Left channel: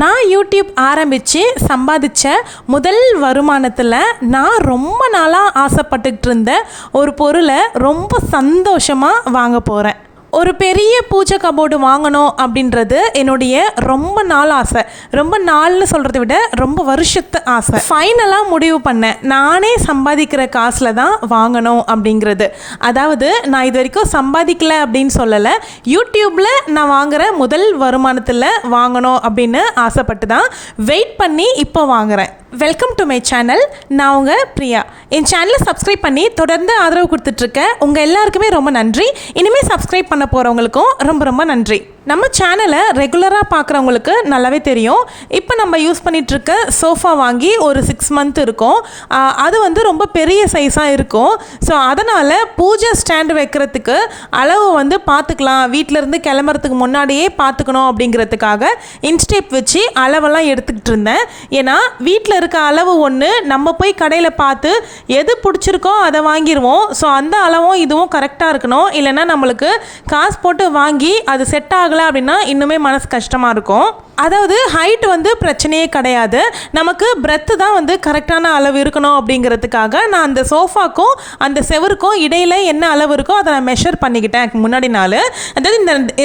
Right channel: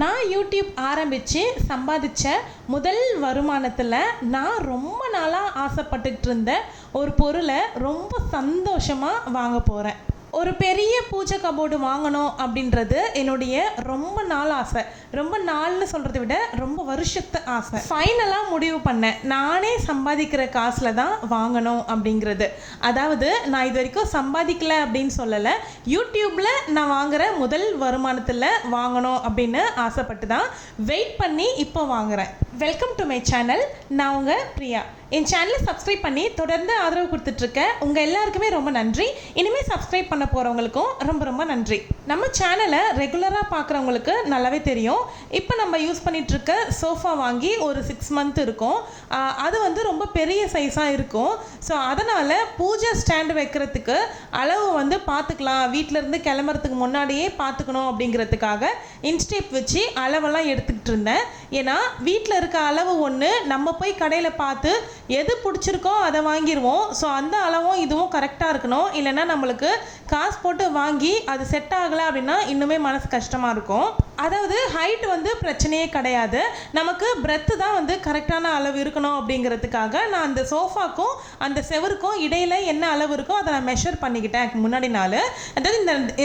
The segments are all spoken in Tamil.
நான் யூடியூப் ஆரம்பித்து சம்பாதிச்ச முதல் வருமானத்தில் நான் ரொம்ப நாளாக ஆசைப்பட்டுக்கிட்டு இருந்த ஒரு பொருளை ரொம்ப சந்தோஷமாக வாங்க போகிறேன். ஒரு பெரிய பூஜை கபோர்டு வாங்கணும் அப்படின்றது என்னுடைய ரொம்ப நாள் ஆசை. ரொம்ப நாள்னு சொல்கிறத விட ரொம்ப வருஷத்து ஆசை. ஃபைனலாக முடிவு பண்ணேன், நானே சம்பாதிக்கிற காசில் தான் வாங்கணும் அப்படிங்கிறது. அதாவது நான் இது வரைக்கும் சம்பாதிக்கலை அப்படின்னு சொல்லலை, யூடியூப்பில் நான் வாங்குகிற முதல் வருமானத்தில் வாங்கணும் அப்படின்னு ஆசைப்பட்டு தான் வெயிட் பண்ணி இப்போ வாங்குகிறேன். Welcome to my channel. நான் உங்கள் பிரியா. என் சேனலை சப்ஸ்கிரைப் பண்ணி தொடர்ந்து ஆதரவு கொடுத்துட்ருக்கேன். உங்கள் எல்லாருக்குமே ரொம்ப நன்றி. இனிமேல் சப்ஸ்கிரைப் பண்ண போகிறவங்களுக்கும் ரொம்ப ரொம்ப நன்றி. நம்ம சேனலை ரெகுலராக பார்க்குறவங்களுக்கு நல்லாவே தெரியும். இப்போ நம்ம யூஸ் பண்ணிகிட்ருக்க சோஃபா வாங்கி ஒரு 6 மந்த் இருக்கும். அது வந்து ரொம்ப பெரிய சைஸாக இருக்கும். ஸோ அதனால் பூஜை ஸ்டாண்டு வைக்கிறதுக்கு அளவு வந்து பார்த்துக்கலாம், வீட்டிலேருந்து கிளம்புறதுக்கு முன்னாடியே பார்த்துக்கணும் அப்படிங்கிறதுக்காக இன்ஸ்டேப் வச்சு அளவெல்லாம் எடுத்துக்கிட்டு இருந்தேன். ஏன்னா வீட்டில் இருக்க அளவு ஒன்று, நம்ம போய் கடையில் பார்த்து எது பிடிச்சிருக்கோ அதை வாங்கிடுவோம். ஸோ அந்த அளவும் இதுவும் கரெக்டாக இருக்கணும். இல்லைன்னா நம்மளுக்கு காசு போட்டு வாங்கி அது செட் ஆகலை அப்படின்னா இன்னுமே மனசு கஷ்டமாக இருக்கும். அதாவது ஹைட் வந்து பிரச்சனையே கிடையாது, நமக்கு பிரெத்து தான் வந்து கரெக்டான அளவு இருக்கணும் அப்படிங்கிறதுக்காக நான் அந்த சோஃபாக்கும் அந்த செவருக்கும் இடையில் என்ன அளவு இருக்கோ அதை நான் மெஷர் பண்ணிக்கிட்டேன் முன்னாடி நாள். அதாவது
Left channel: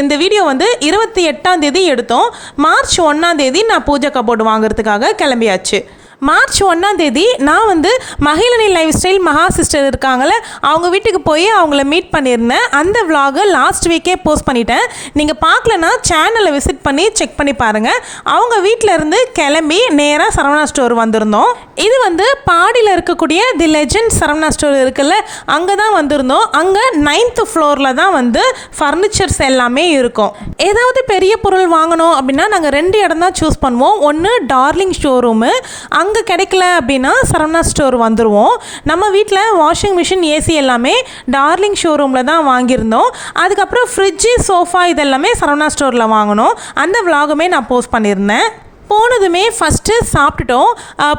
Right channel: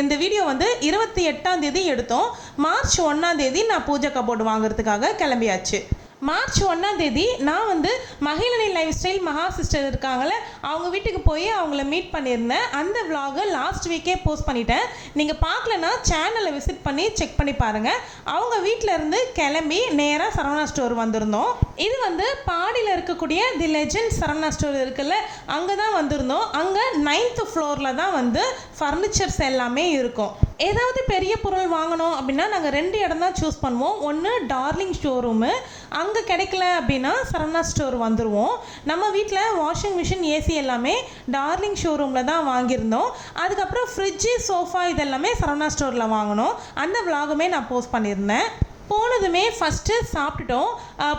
இந்த வீடியோ வந்து 28ஆம் தேதி எடுத்தோம். மார்ச் 1ஆம் தேதி நான் பூஜை கபோர்டு வாங்குறதுக்காக கிளம்பியாச்சு. மார்ச் 1ஆம் தேதி நான் வந்து மகிழினி லைஃப் ஸ்டைல் மகா சிஸ்டர் இருக்காங்கள, அவங்க வீட்டுக்கு போய் அவங்கள மீட் பண்ணியிருந்தேன். அந்த விலாகை லாஸ்ட் வீக்கே போஸ்ட் பண்ணிட்டேன். நீங்கள் பார்க்கலன்னா சேனலை விசிட் பண்ணி செக் பண்ணி பாருங்கள். அவங்க வீட்டில் இருந்து கிளம்பி நேராக சரவணா ஸ்டோர் வந்திருந்தோம். இது வந்து பாடியில் இருக்கக்கூடிய தி லெஜண்ட் சரவணா ஸ்டோர் இருக்குல்ல, அங்கே தான் வந்திருந்தோம். அங்கே 9th ஃப்ளோரில் தான் வந்து ஃபர்னிச்சர்ஸ் எல்லாமே இருக்கும். ஏதாவது பெரிய பொருள் வாங்கணும் அப்படின்னா நாங்கள் 2 இடம் தான் சூஸ் பண்ணுவோம். ஒன்று டார்லிங் ஷோரூமு, அங்கே கிடைக்கல அப்படின்னா சரவணா ஸ்டோர் வந்துடுவோம். நம்ம வீட்டில் வாஷிங் மிஷின், ஏசி எல்லாமே டார்லிங் ஷோரூமில் தான் வாங்கியிருந்தோம். அதுக்கப்புறம் ஃப்ரிட்ஜு, சோஃபா இதெல்லாமே சரவணா ஸ்டோரில் வாங்கினோம். அந்த விலாகுமே நான் போஸ்ட் பண்ணியிருந்தேன். போனதுமே ஃபஸ்ட்டு சாப்பிட்டுட்டோம்.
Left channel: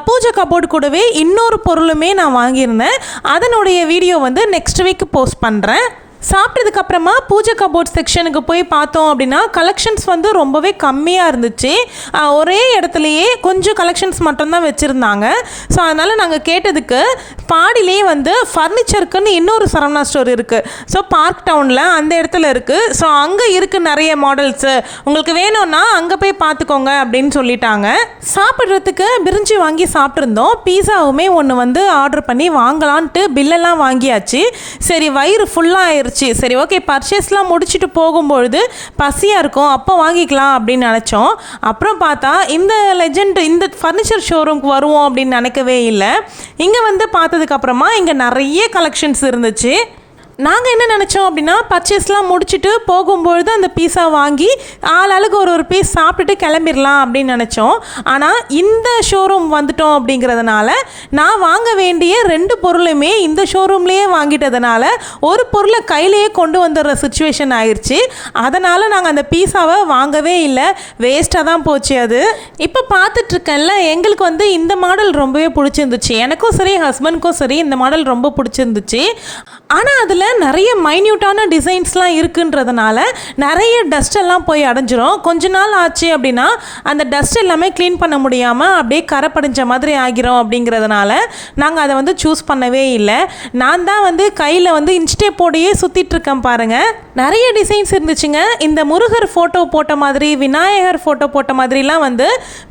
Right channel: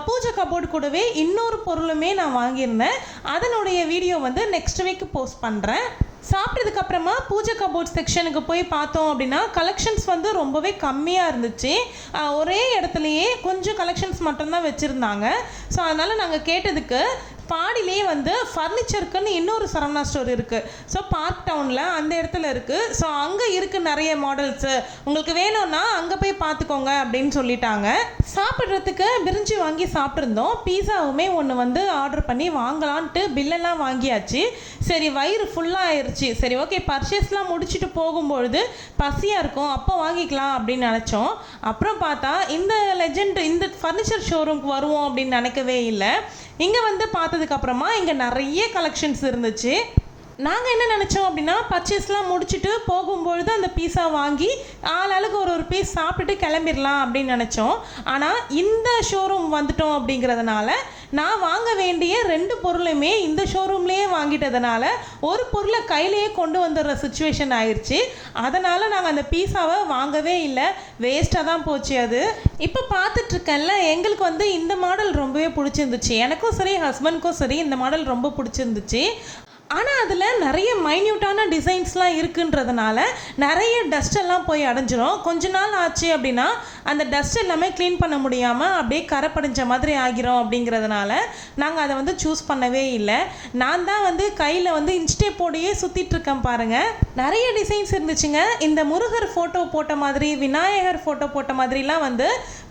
பூஜை கபோர்டு கூடவே இன்னொரு பொருளுமே நான் வாங்கியிருந்தேன். அதனுடைய வீடியோ வந்து நெக்ஸ்ட் வீக் போஸ்ட் பண்ணுறேன். சாப்பிட்டதுக்கப்புறமா பூஜை கபோர்ட் செக்ஷனுக்கு போய் பார்த்தோம் அப்படின்னா கலெக்ஷன்ஸ் வந்து ரொம்பவே கம்மியாக இருந்துச்சு. ஒரே இடத்துலையே கொஞ்சம் கலெக்ஷன்ஸ் மட்டும்தான் வச்சுருந்தாங்க. ஸோ அதனால் நாங்கள் கேட்டதுக்கு பாடியிலே வந்து ஃபர்னிச்சருக்குன்னு இன்னொரு சரவணா ஸ்டோர் இருக்குது. ஸோ பார்க் டவுனில் அந்த இடத்துல இருக்குது. ஸோ அங்கே இருக்குது நிறைய மாடல்ஸு, உங்களுக்கு வேணும்னா அங்கே போய் பார்த்துக்கோங்க அப்படின்னு சொல்லிட்டாங்க. சாப்பிட்றதுக்கு பிரிஞ்சி வாங்கி சாப்பிட்ருந்தோம். பீஸாவுமே ஒன்று வந்து ஆர்டர் பண்ணி வாங்கலான்ட்டு பில்லெல்லாம் வாங்கியாச்சு. சரி வயிறு ஃபுல்லாக சரி ஓகே, பர்ச்சேஸ்லாம் முடிச்சுட்டு போகும்பொழுது பசியாக இருக்கும், அப்போ வாங்கிக்கலாம் அப்படின்னு நினச்சோம். அப்புறம் பார்த்தா இந்த லெஜண்ட் இந்த ஃபர்னிச்சர் ஷோரூம்க்கு வருவோம் அப்படின்னு நினைக்கவே இல்லை. இங்கே வந்து பார்த்ததுக்கப்புறமா இங்கே நிறைய கலெக்ஷன்ஸ் இருந்துச்சு. நாங்கள் என்ன நினச்சோம் அப்படின்னா பர்ச்சேஸ்லாம் முடிச்சுட்டு போகும்பொழுது அந்த பீஸா வாங்கி ஆளாளுக்கு ஒரு பீஸ் சாப்பிட்டுட்டு கிளம்பிடலாம் அப்படின்னு நினச்சோம். ஆனால் இந்த ஷோரூம் வந்துட்டோம் அப்படிங்கிறதுனால நான் வாங்க வேண்டிய 2 பொருளுமே இந்த ஷோரூம்லேயே வாங்கிட்டதுனால ஒரு பொருளை கையிலேயே கொண்டு வந்துடுற சுச்சுவேஷன் ஆயிடுச்சு. அதனால் நாங்கள் அந்த பீஸாவை வாங்கவே இல்லை, வேஸ்ட்டாக தான் போச்சு அது. இப்போ பார்த்துட்ருக்கேன்ல, எங்களுக்கு வந்து இந்த மாடல் ரொம்பவே பிடிச்சிருந்துச்சு. எனக்கும் சரி ஹஸ்பண்ட்க்கும் சரி இந்த மாடல் ரொம்ப பிடிச்சிருந்துச்சு. ஆனால் அதில் நிறைய மைன்யூட்டான டிசைன்ஸ்லாம் இருக்குன்றதுனால நிறைய டஸ்ட் எல்லாம் போய் அடைஞ்சிரும். கொஞ்ச நாள் ஆச்சு அப்படின்னா அந்த டஸ்ட் எல்லாமே க்ளீன் பண்ண முடியாமல் அப்படியே கரை படிஞ்ச மாதிரி ஆகிரும். அப்படிங்கிறதுனால நாங்கள் அதை வந்து சூஸ் பண்ணவே இல்லை. நான் தான் வந்து கையில் வந்து இன்ஸ்டேப்போடையே சுற்றிட்டுருக்கேன் பாருங்கள். நிறைய டிசைன்ஸ் இருந்துச்சுங்க. இந்த முருகர் ஃபோட்டோ போட்ட மாதிரி, விநாயகர் ஃபோட்டோ போட்ட மாதிரிலாம் வந்து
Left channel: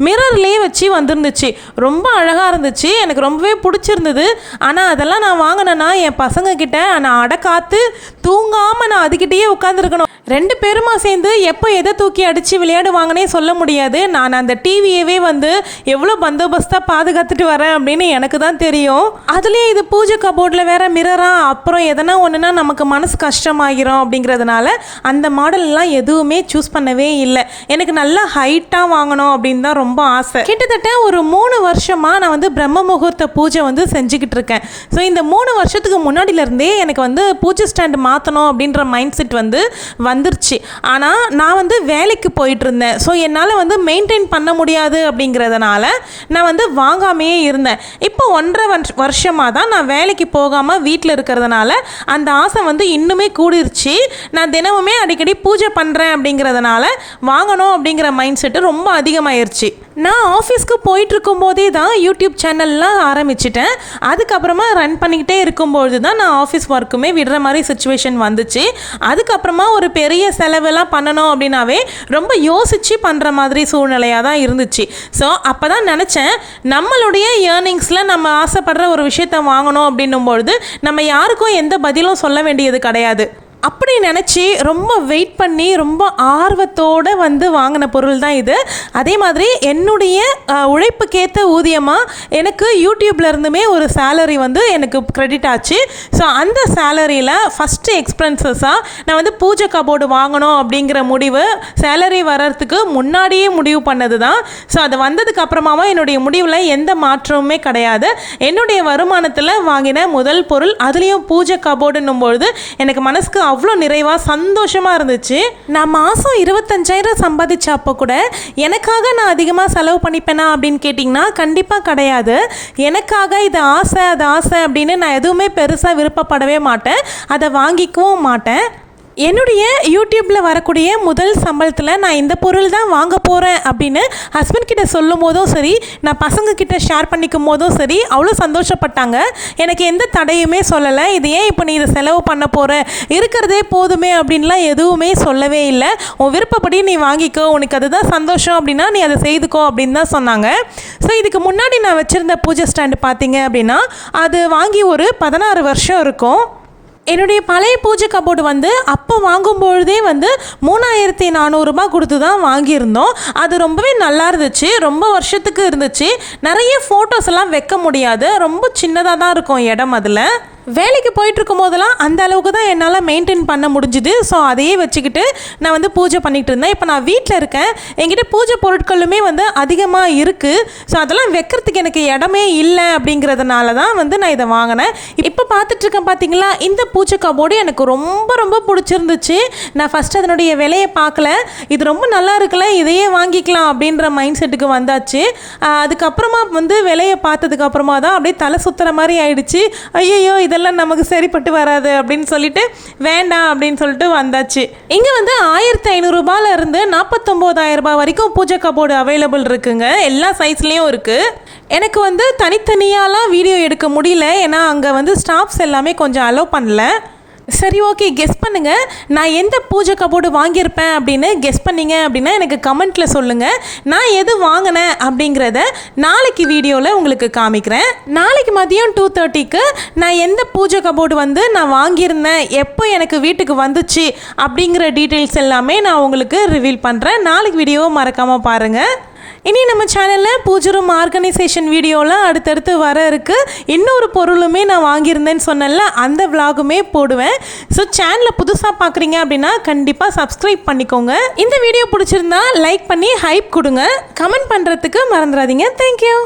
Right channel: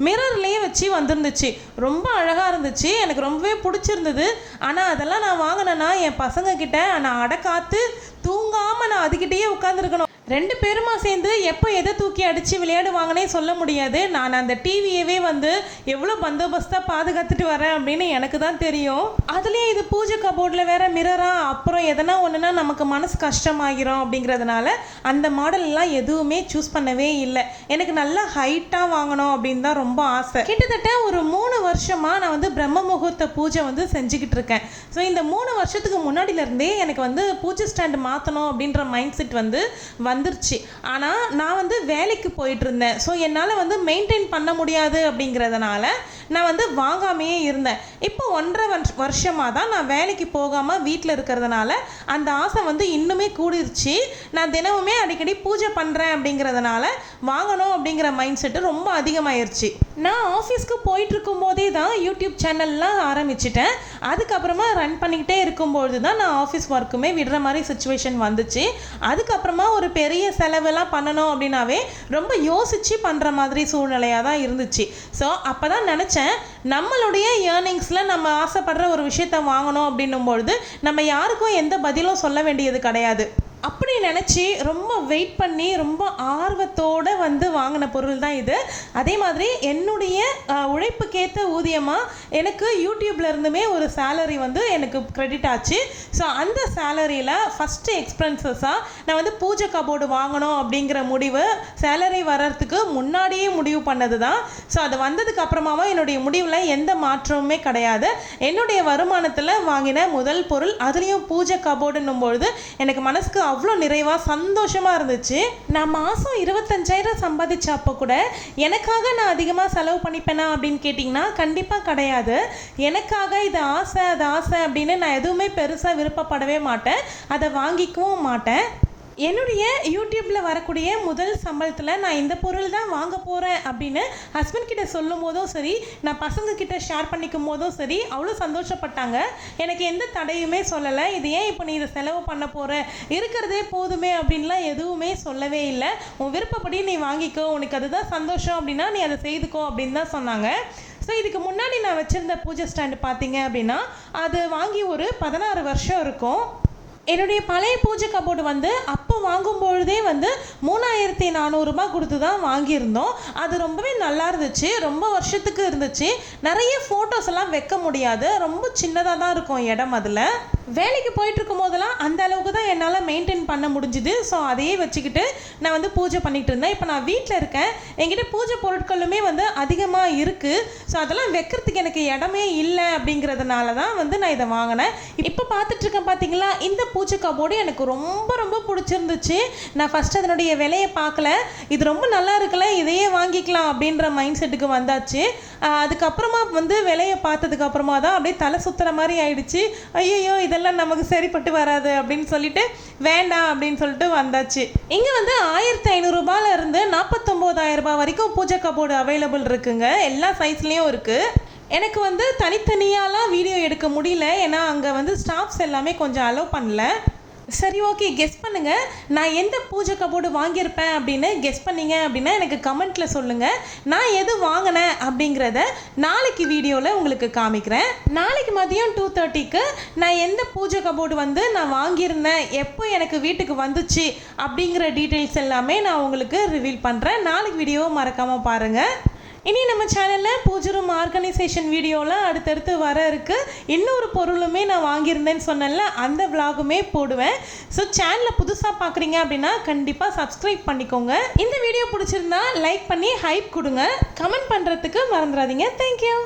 மிரர்லேயே வச்சு வந்துருந்துச்சு. ரொம்ப அழகாக இருந்துச்சு, எனக்கு ரொம்பவே பிடிச்சிருந்தது. ஆனால் அதெல்லாம் நான் வாங்கினேன்னா என் பசங்க கிட்ட நான் அடக்காத்து தூங்காமல் நான் அதுக்கிட்டேயே உட்காந்துருக்கணும். 2 பேருமா சேர்ந்து எப்போ எதை தூக்கி அடித்து விளையாடுவாங்கன்னே சொல்ல முடியாது. நான் அந்த டிவியவே வந்து எவ்வளோ பந்தோபஸ்தாக பாதுகாத்துட்டு வரேன் அப்படின்னு எனக்கு தான் தெரியும். அதுலேயே இது பூஜை கபோர்டில் வேறு மிரராக, அப்புறம் எதனா ஒன்றுனா நமக்கு மனசு கஷ்டமாகிரும். அப்படிங்கிறதுனால அந்த மாடல்லாம் எதுவுமே சூஸ் பண்ணவே இல்லை. எனக்கு நல்லா ஹைட்டாக வாங்கணும் அப்படின்னு தான் ரொம்ப ஆசை. கிட்டத்தட்ட ஒரு 3 வருஷமாக நான் வந்து பிரம்ம முகூர்த்த பூஜை வந்து செஞ்சுக்கிட்டு இருக்கேன். ஸோ இந்த 3 வருஷத்துக்கு முன்னாடியிலேருந்தே எனக்கு வந்து பூஜை ஸ்டாண்டு மாற்றணும் அப்படின்ற மைண்ட் செட் வந்து வந்துருச்சு. ஆனால் நான் வந்து வேலைக்கு போயிட்டு இருந்தேன். ஸோ என்னால் வந்து மெயின்டைன் பண்ண முடியாது அப்படிங்கிறதுனால நான் வந்து வாங்காமையே இருந்தேன். இப்போ 1.5 வருஷமாக தான் நான் வேலைக்கு போகாமல் வீட்டில் இருக்கிறதுனால அந்த ஆசை வந்து இன்னுமே கூடிருச்சு. நான் தினமுமே அடிக்கடி பூஜை பண்ணுறேன் அப்படிங்கிறதுனால வாங்கணும் அப்படிங்கிற மைண்ட் செட்டு ரொம்ப அதிகமாகிருச்சு. நான் ஆஃபீஸ்க்கு போயிட்டு இருக்கும்போதே தான் யூடியூப் சேனல்லாம் ஆரம்பிச்சிட்டேன். அதுக்கப்புறமா ரன் பண்ணிக்கிட்டே இருக்கும்பொழுது தான் நான் ஆஃபீஸ் ஒர்க்குமே விடுற மாதிரி சுச்சுவேஷன் வந்துச்சு. அதுக்கப்புறமா ஒரு பெரிய செலவெல்லாம் பண்ணணும் அப்படின்னாவே ரொம்ப யோசித்து பண்ணுற மாதிரி சூழ்நிலையாக தான் இருந்துச்சு. ஸோ அப்போ தான் நினச்சேன், நம்மளுடைய ஏர்னிங்ஸில் நம்ம ஆசைப்படுற ஒரு விஷயத்தை வாங்கணும் அப்படின்னும்பொழுது நம்ம யாருக்கும் எந்த பதிலும் சொல்ல வேண்டியது கிடையாது. அப்படி நினச்சி ரொம்ப வெயிட் பண்ணி ரொம்ப ஆர்வத்தோடு வந்து வாங்கின பொருள் தான் இது. அதே மாதிரி என்னுடைய உழைப்புக்கேற்ற ஊதியமாக எனக்கு யூடியூப்லேருந்துமே ஒரு சேலரி வந்து எனக்கு க்ரெடிட் ஆச்சு. ஸோ அந்த சேலரியில் ஃபஸ்ட்டு எக்ஸ்பென்சஸாக நான் வந்து பூஜை கபோர்டு வாங்கணும் அப்படிங்கிற முடிவு சேலரி வர்றதுக்கு முன்னாடியே முடிவு பண்ணது தான். ஸோ அது வந்ததுக்கு அப்புறமாவும் என்னுடைய முடிவில் எந்த மாற்றமுமே கிடையாது. என்னுடைய வருமானத்தில் வாங்கின முதல் பொருள், அதுலேயும் பூஜை கபோர்டுன்னும் பொழுது எனக்கு மனசுக்கு அவ்வளோ நிறைவாக சந்தோஷமாக இருந்துச்சு. நான் மாதம் 25,000 சம்பாதிச்ச அப்போ கூட எனக்காக நான் அதிகமாக செலவு பண்ணிப்பேனா அப்படின்னு கேட்டிங்கன்னா கண்டிப்பாக கிடையாது. எனக்காக இது ஆசை அது ஆசை அப்படின்னு நான் எதுவுமே பெருசாக விருப்பப்படவே மாட்டேன், அதை வாங்கிக்கவும் மாட்டேன். என்னுடைய யூடியூப்பில் வரக்கூடிய முதல் சம்பளத்தில் நான் இந்த பொருள் தான் வாங்க போகிறேன் அப்படின்னு ஹஸ்பண்ட் கிட்ட சொல்லும் போதும் சரி, நான் பசங்கக்கிட்ட ஷேர் பண்ணிக்கும் போதும் சரி அவ்வளோ சந்தோஷப்பட்டாங்க. எனக்கு எந்த தடையுமே சொல்லலை. இது ஏன் இப்போ நீ இதை செலவு பண்ண போகிற, இருக்கிறதே போதுமே அப்படின்லாம் எதுவுமே சொல்லவே இல்லை. உன் விருப்பப்படி நீ வாங்கிக்கோ, உனக்கு அதுதான் சந்தோஷம் அப்படின்னா நீ அதை செய்துக்கோ அப்படின்னு தான் சொன்னாங்க. ஸோ இதுக்கு முன்னாடி நான் வச்சுருந்த பூஜை ஸ்டாண்டு பார்த்தீங்க அப்படின்னா அது வாங்கி ஒரு 16 வருஷம் இருக்கும். என்னுடைய பழைய பூஜை கபோர்டு வந்து அப்போ வாங்கும்பொழுதே வந்து 3,400 ரூபாய் கொடுத்து தான் வாங்கியிருந்தோம். அது ரொம்பவே நல்லா இருந்துச்சு, ரொம்ப வருஷத்துக்கு இருந்துச்சு. நிறைய ஃபோட்டோஸ் எல்லாம் வைக்க முடியாது, ரொம்ப சின்னதாக தான் இருக்கும் இடம். அதில் வேலைக்கு போயிட்டுருக்கும் போதெல்லாம் அந்த அளவுக்கு தான் என்னால் மெயின்டைன் பண்ண முடிஞ்சுது. ஸோ அதையே வச்சுக்கிட்டு நான் வந்து பூஜை பண்ணிகிட்டு இருந்தேன். இப்போ நான் வீட்டில் இருக்கேன், என்கிட்ட பூஜை பொருட்களுமே வந்து அதிகமாக இருக்குது. ஸோ அதெல்லாம் வைக்கிறதுக்கு எனக்கு இடமே இல்லை அப்படிங்கிறதுனால தான் வந்து நான் இதை வாங்கினேன். இப்போ பார்த்துட்ருக்கேன் பார்த்தீங்களா, இந்த பூஜை கபோர்டு எனக்கு ரொம்ப ரொம்ப பிடிச்சிருந்துச்சு. நான் ஃபஸ்ட்டு அதனுடைய விலையை பார்க்கல, இது ரொம்ப நல்லா இருக்குல்ல இதையே வாங்கிக்கலாம் அப்படின்ற மைண்ட் செட்டுக்கு வந்தாச்சு. அதுக்கப்புறமா வந்து விலையை பார்த்ததுக்கப்புறமா தான் அப்படியே தலை சுற்றுற மாதிரி ஆயிடுச்சு. ஐயோ இதெல்லாம் நமக்கு சரிப்பட்டு வராது அப்படின்னு சொல்லிட்டு வேண்டாம் அப்படின்னு சொல்லிட்டு வந்தாச்சு. இங்கே வந்து 1,500 ரூபாயில இருந்து 49,000 ரூபாய் வரைக்கும் பூஜை கபோர்டு அவைலபிள் இருக்குங்க. எல்லா சைஸ்லேயும் இருக்குது. எனக்கு வந்து தனித்தனியாலாம் வீடியோ எடுக்க முடியல, ஏன்னா அங்கே வந்து ஸ்டாஃப்ஸ் எல்லாமே கொஞ்சம் அலோவ் பண்ணல. சரி, ஓகே, கெஸ் பண்ணுங்கள் நான் எந்த பூஜை கபோர்டு வாங்கியிருப்பேன் அப்படின்னு. கெஸ் பண்ணிங்க அப்படின்னா எனக்கு கமெண்ட்டில் சொல்லுங்கள். நான் எது வாங்கினேன் அப்படிங்கிறத நாளைக்கு வீடியோவில் உங்களுக்கு காமிக்கிறேன். நாளைக்கு மதியம் 2:30க்கு நான் எந்த பூஜை கபோர்டு வந்து நான் வாங்கியிருந்தேன், எப்போ எனக்கு வீட்டுக்கு வந்துச்சு அப்படிங்கிற டீட்டெயில்ஸ் எல்லாமே நான் உங்களுக்கு ரிவீல் பண்ணுறேன். நாளைக்கு வீடியோவை மறக்காமல் பாருங்கள். இனி நம்ம சேனலில் பூஜை ரூம் ஆர்கனைசேஷன் வீடியோலாம் அடுத்தடுத்து வர இருக்குது. இன்னொரு பொருளுமே நான் வாங்கியிருந்தேன்னு சொன்னேன்ல, அந்த விலாகுமே போடுவேன். ஸோ சேனலை புதுசாக பார்க்குறீங்க அப்படின்னா கண்டிப்பாக சப்ஸ்கிரைப் பண்ணிக்கோங்க. இந்த வீடியோ பிடிச்சிருந்தா லைக் பண்ணி ஹைப் கொடுங்க. கமெண்ட் பண்ணுறதுக்கு மறந்துடாதீங்க. தேங்க்யூ.